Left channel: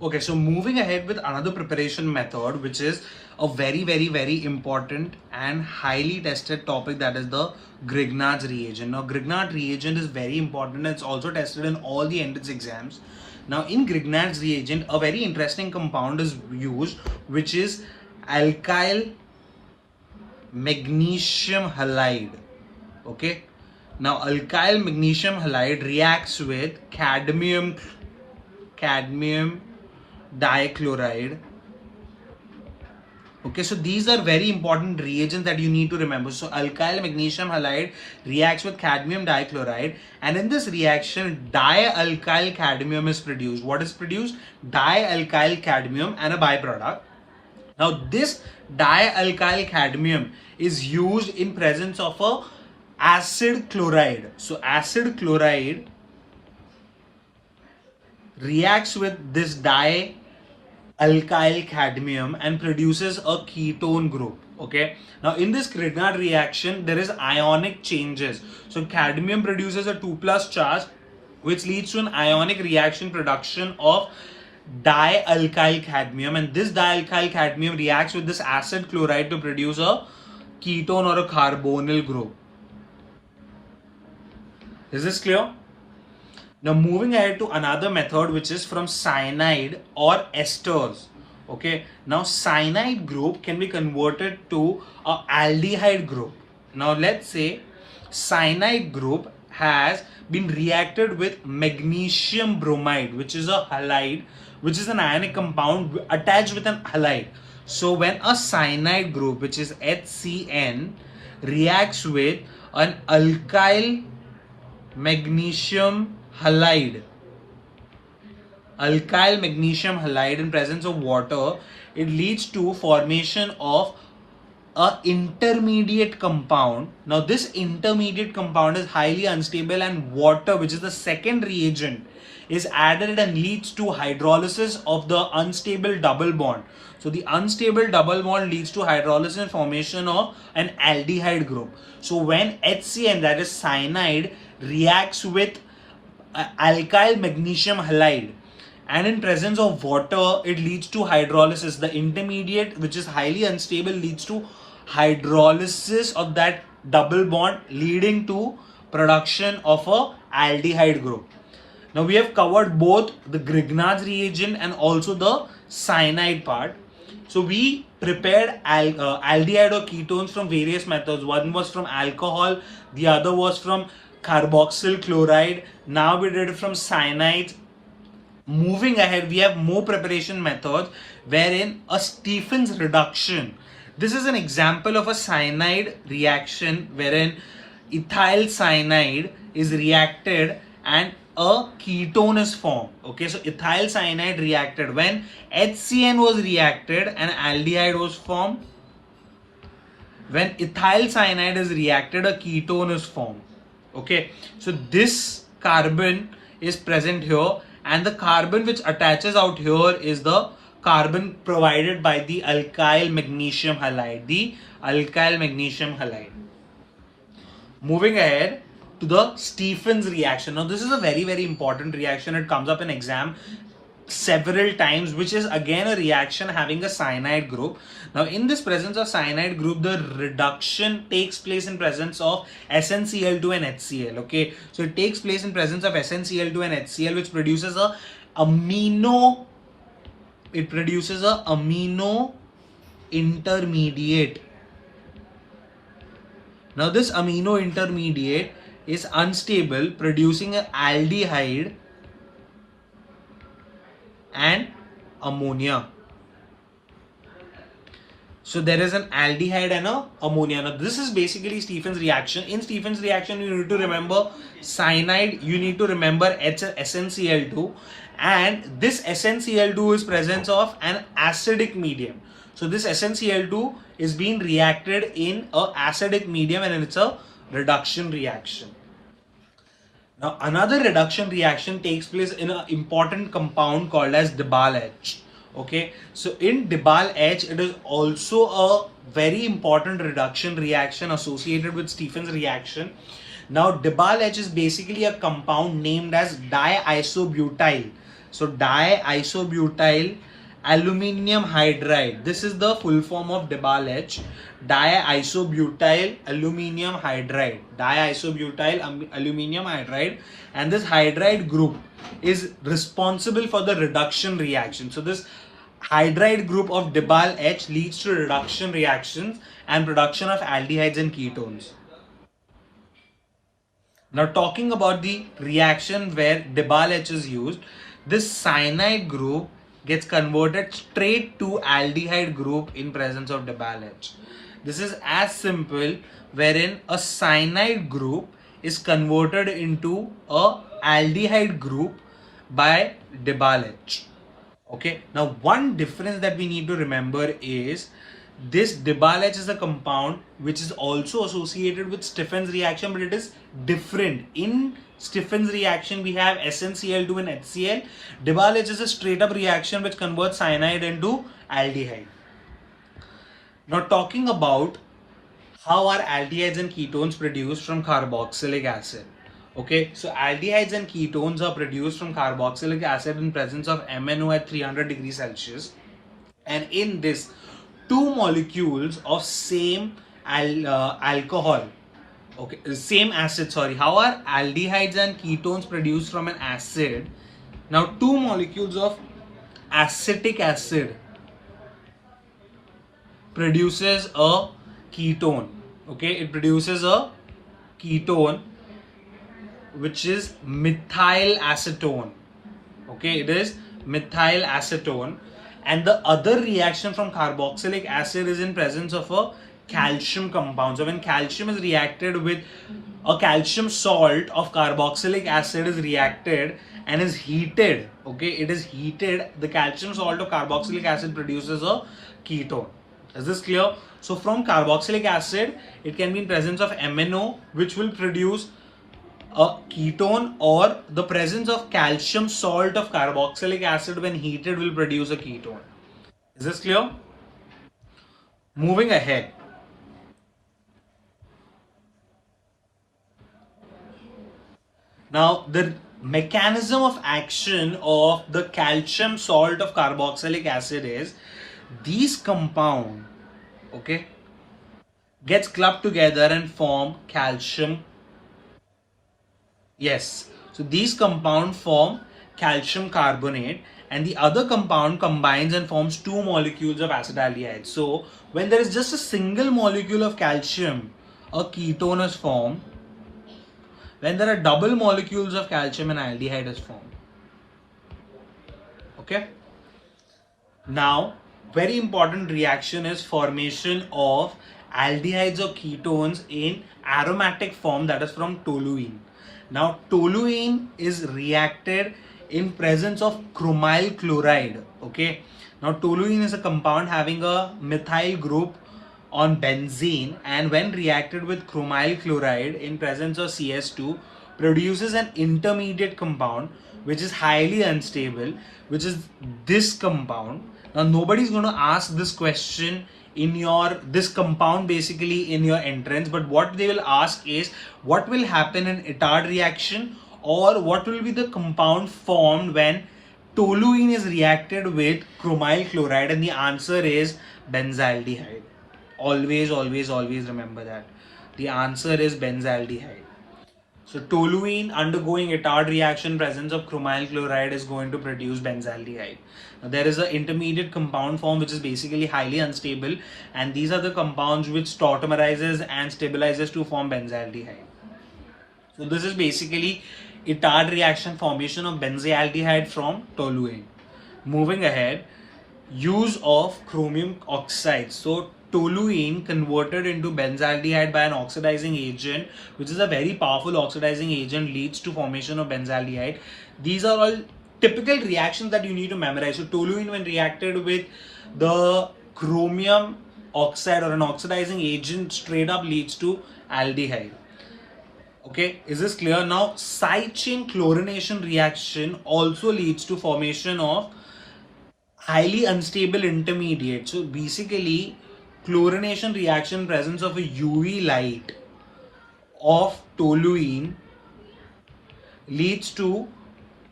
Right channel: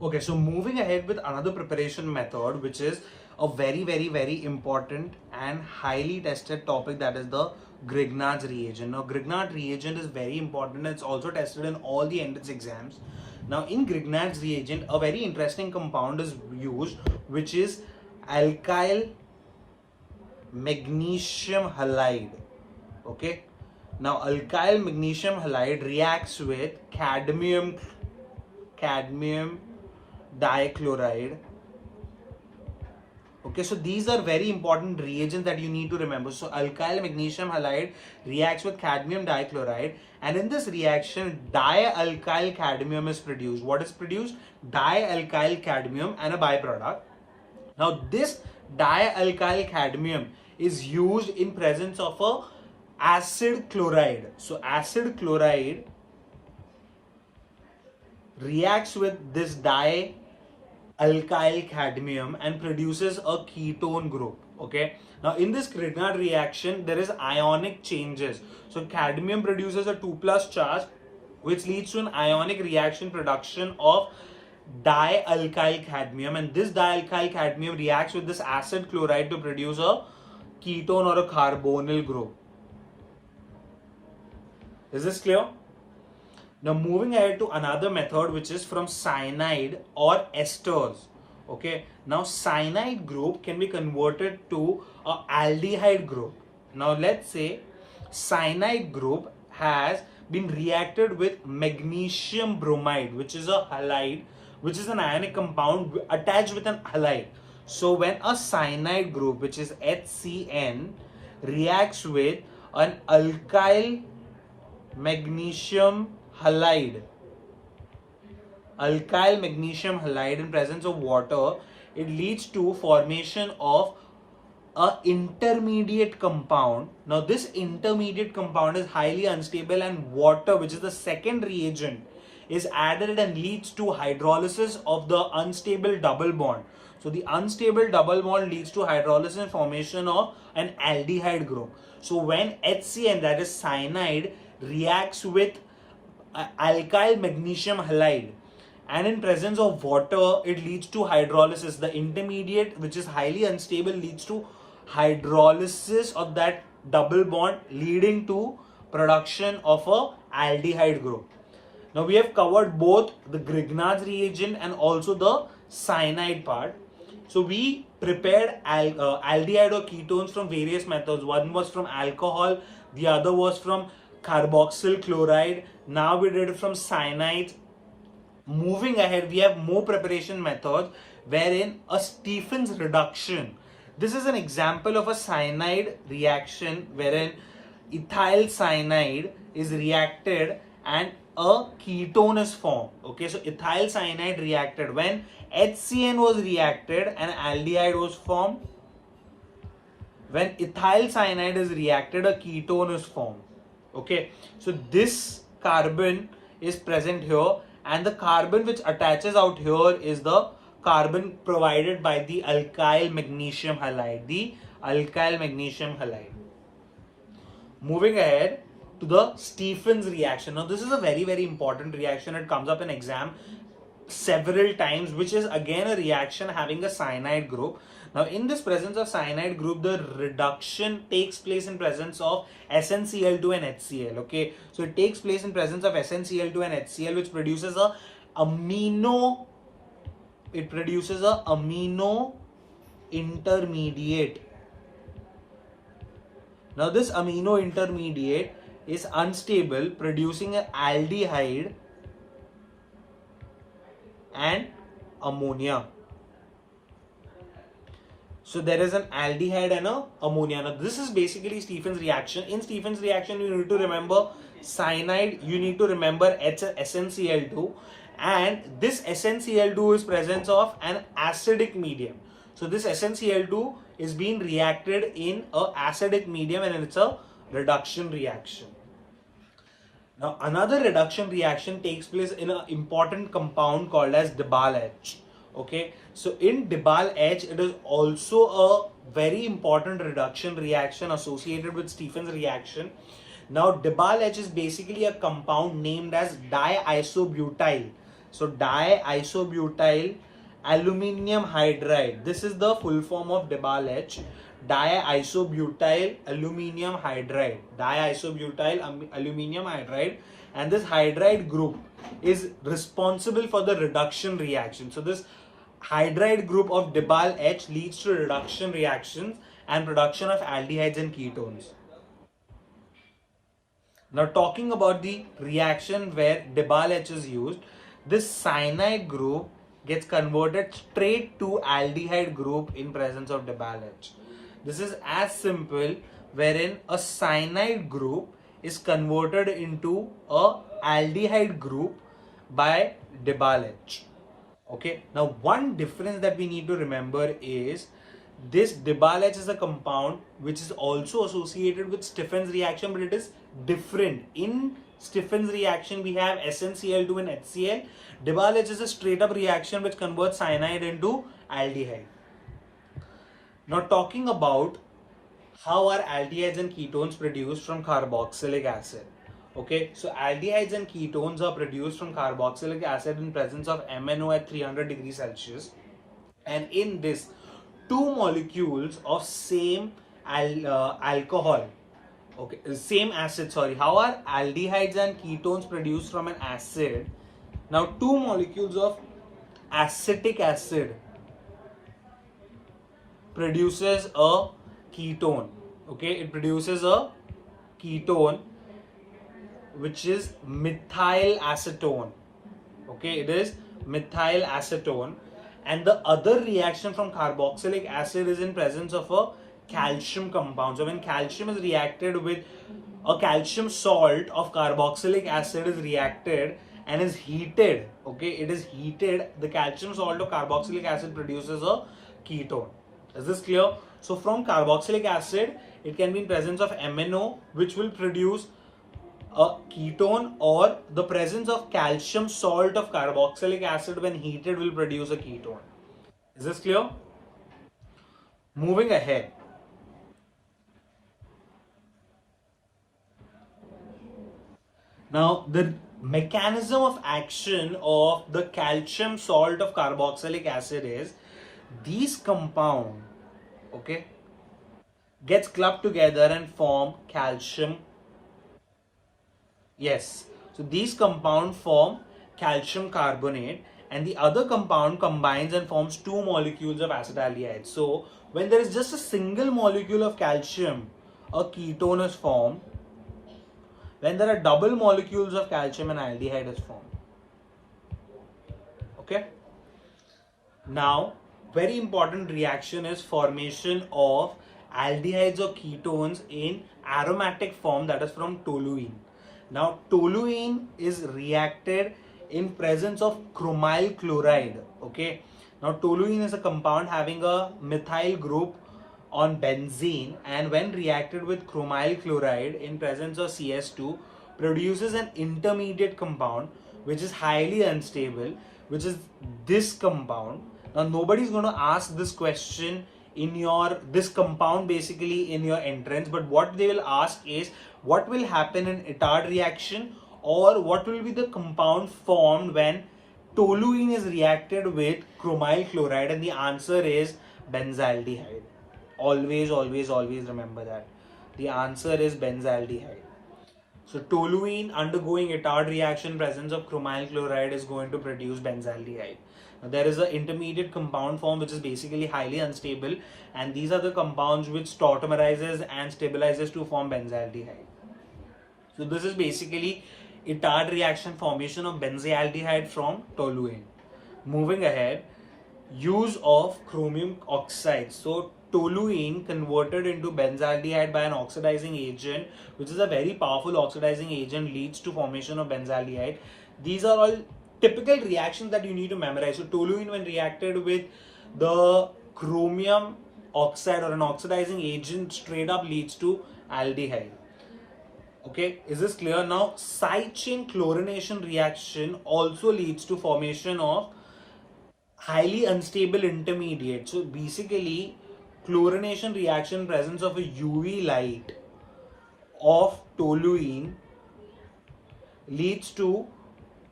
Okay, so moving ahead with another preparation method, which is a very important and highly tested topic, that is the Grignard's reagent. Now, Grignard reagent is very important. It's also tested in all the entrance exams. Now, in Grignard's reagent, a very interesting compound is used, which is alkyl magnesium halide. Okay. Now, alkyl magnesium halide reacts with cadmium dichloride. Okay, so these are very important reagents that you need to remember. So alkyl magnesium halide reacts with cadmium dichloride, and in this reaction dialkyl cadmium is produced. What is produced? Dialkyl cadmium and a byproduct. Now this dialkyl cadmium is used in presence of a acid chloride. So acid chloride reacts with this dialkyl cadmium and produces a ketone group. Okay, now in this Grignard reaction there is ionic changes. So cadmium produces a 2+ charge, which leads to an ionic reaction production of dialkyl cadmium, and this dialkyl cadmium reacts with this acid chloride to produce a ketone or a carbonyl group. Is this clear? Now moving ahead to another method, which is from cyanide or esters. Okay, now cyanide group can be converted to a aldehyde group. Now let's say cyanide group has been reacted with magnesium bromide, which is a halide, which is an ionic compound attached with an halide. So when a cyanide group, which is HCN, reacts with an alkyl magnesium halide in presence of water, it leads to formation of a intermediate compound. Now this intermediate compound is highly unstable, and water, which is the second reagent, is added and leads to hydrolysis of the unstable double bond. So the unstable double bond leads to hydrolysis and formation of an aldehyde group. So when HCN, that is cyanide, reacts with alkyl magnesium halide and in presence of water, it leads to hydrolysis. The intermediate, which is highly unstable, leads to hydrolysis of that double bond, leading to production of a aldehyde group. Now we have covered both the Grignard's reagent and also the cyanide part. So we prepared aldehyde or ketones from various methods. One was from alcohol, the other was from carboxyl chloride. Now we did it from cyanide. Moving ahead, we have more preparation methods, wherein a Stephen's reduction. This is an example of a cyanide reaction wherein ethyl cyanide is reacted and a ketone is formed. Okay, so ethyl cyanide reacted. When HCN was reacted, an aldehyde was formed. When ethyl cyanide is reacted, a ketone is formed. Okay, so this carbon is present here, and the carbon which attaches out here is the carbon provided by the alkyl magnesium halide. Moving ahead to the Stephen's reaction. Now this is a very important reaction. It comes up in exam several times, which is again a reaction having a cyanide group. Now in this presence of cyanide group, the reduction takes place in presence of SnCl2 and HCl. Okay, so it takes place in presence of SnCl2 and HCl, which produces a amino intermediate. Now this amino intermediate is unstable, producing an aldehyde and ammonia. So there is an aldehyde and a ammonia. Now this is basically Stephen's reaction. In Stephen's reaction, you need to remember cyanide, you need to remember SnCl2, and this SnCl2 is presence of an acidic medium. So this SnCl2 is being reacted in a acidic medium, and it's a reduction reaction. Now another reduction reaction takes place in an important compound called as Dibal-H. Okay, so in Dibal-H, it is also a very important reduction reaction associated with Stephen's reaction. Now Dibal-H is basically a compound named as diisobutyl So diisobutyl aluminium hydride. This is the full form of DiBAL-H. Diisobutyl aluminium hydride. Diisobutyl aluminium hydride. And this hydride group is responsible for the reduction reaction. So this hydride group of DiBAL-H leads to reduction reactions and production of aldehydes and ketones. Now talking about the reaction where DiBAL-H is used, this cyanide group gets converted straight to aldehyde group in presence of DiBAL-H. This is as simple, wherein a cyanide group is converted into a aldehyde group by DiBAL-H. Okay, now one difference that we need to remember is this DiBAL-H is a compound which is also associated with Stephen's reaction, but it is different. In Stephen's reaction, we have SnCl2 and HCl. DiBAL-H is a straight up reaction which converts cyanide into aldehyde. Now talking about how are aldehydes and ketones produced from carboxylic acid. Okay, so aldehydes and ketones are produced from carboxylic acid in presence of MnO at 300 degrees Celsius. And in this, two molecules of same alcohol, okay, same acid, sorry. How are aldehydes and ketones produced from an acid? Now, two molecules of acetic acid produces a ketone. Okay, it produces a ketone which is methyl acetone. Okay, it is methyl acetone. And the other reaction from carboxylic acid is in presence of a calcium compound. So when calcium is reacted with a calcium salt of carboxylic acid is reacted and is heated, okay, it is heated, the calcium salt of carboxylic acid produces a ketone. Is this clear? So from carboxylic acid, it can be in presence of MnO, which will produce a ketone, or the presence of calcium salt of carboxylic acid when heated will produce a ketone. Is this clear? Moving ahead. Now the mechanism of action of the calcium salt of carboxylic acid is these compound, okay, gets clubbed together and form calcium. Yes, so these compound form calcium carbonate, and the other compound combines and forms two molecules of acetaldehyde. So when there is just a single molecule of calcium, a ketone is formed. When there are double molecules of calcium, an aldehyde is formed. Okay. Now, very important reaction is formation of aldehydes or ketones in aromatic form, that is from toluene. Now, toluene is reacted in presence of chromyl chloride. Okay. Now, toluene is a compound having a methyl group on benzene, and when reacted with chromyl chloride in presence of CS2 produces an intermediate compound which is highly unstable, which is this compound. Now, nobody is going to ask this question in your this compound basically in your entrance, but what they will ask is what will happen in Itard reaction, or what will be the compound formed when toluene is reacted with chromyl chloride, and the answer is benzaldehyde. Always, always, always remember that. The answer is benzaldehyde. So toluene undergoing Itard reaction, presence of chromyl chloride is going to produce benzaldehyde. Now, there is an intermediate compound form which is basically highly unstable, and these are the compounds which tautomerizes and stabilizes to form benzaldehyde. So this is basically Itard reaction, formation of benzaldehyde from toluene. Moving ahead, use of chromium oxide. So toluene converted into benzaldehyde by an oxidizing agent, which is a very powerful oxidizing agent, leads to formation of benzaldehyde. These are all typical reactions that you need to memorize. So toluene, when reacted with the chromium oxide or an oxidizing agent, straight up leads to aldehyde. Okay, is this clear? Now, side chain chlorination reaction also leads to formation of highly unstable intermediate. So basically, chlorination reaction, presence of a UV light of toluene leads to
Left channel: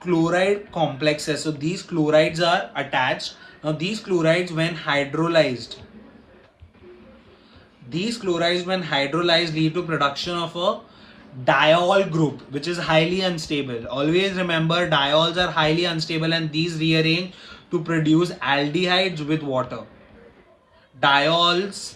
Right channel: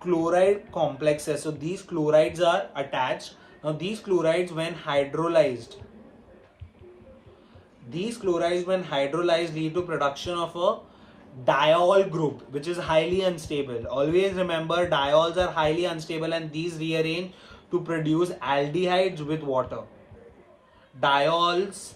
chloride complexes. So these chlorides are attached. Now these chlorides when hydrolyzed lead to production of a diol group, which is highly unstable. Always remember, diols are highly unstable and these rearrange to produce aldehydes with water. Diols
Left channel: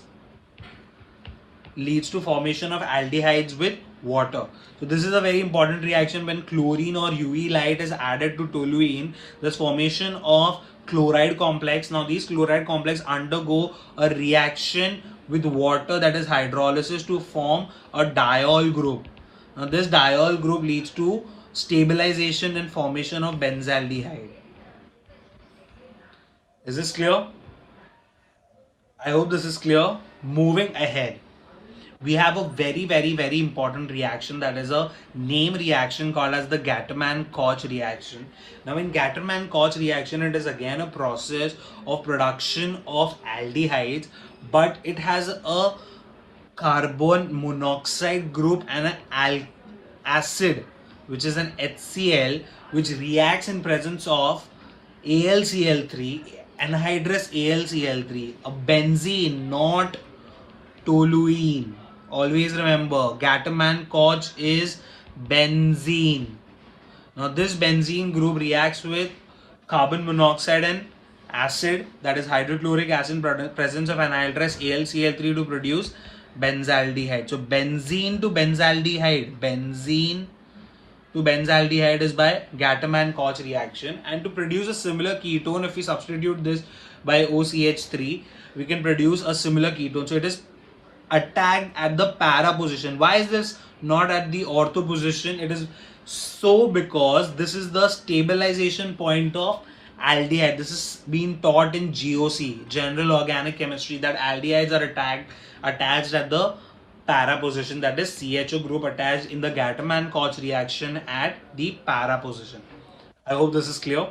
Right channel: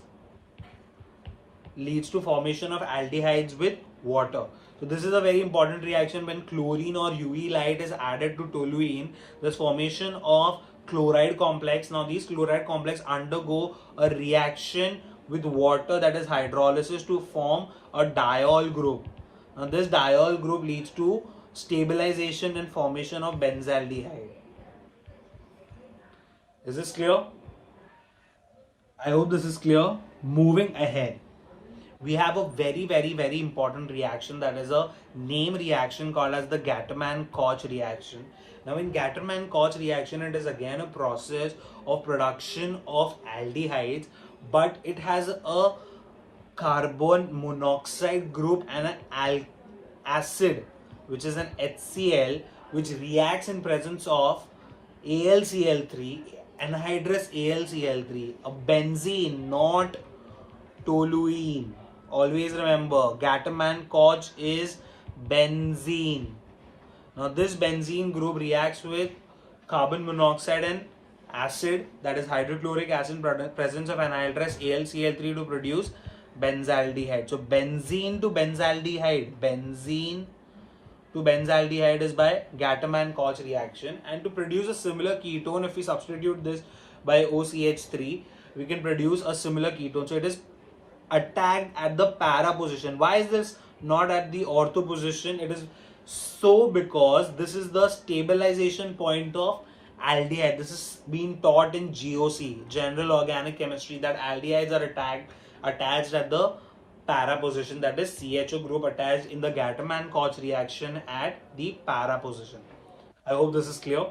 leads to formation of aldehydes with water. So this is a very important reaction. When chlorine or UV light is added to toluene, there's formation of chloride complex. Now these chloride complex undergo a reaction with water, that is hydrolysis, to form a diol group. Now this diol group leads to stabilization and formation of benzaldehyde. Is this clear? I hope this is clear. Moving ahead, we have a very important reaction, that is a name reaction called as the Gattermann-Koch reaction. Now in Gattermann-Koch reaction, it is again a process of production of aldehydes, but it has a carbon monoxide group and an acid, which is an HCl, which reacts in presence of AlCl3, anhydrous AlCl3, a benzene, not toluene. Always remember, Gattermann-Koch is benzene. Now this benzene group reacts with carbon monoxide and acid, that is hydrochloric acid, in presence of anhydrous AlCl3 to produce benzaldehyde. So benzene to benzaldehyde is by Gattermann-Koch reaction. And to produce a similar ketone, if we substitute this by OCH3, we can produce a similar ketone. So it is attacked at the para position. Why is this not at the ortho position? It is so because this is the stabilization point of aldehyde. This is being taught in GOC, General Organic Chemistry, that aldehydes are attached at the para position, that is CHO group attached in the Gattermann-Koch reaction at the para position. I hope this is clear.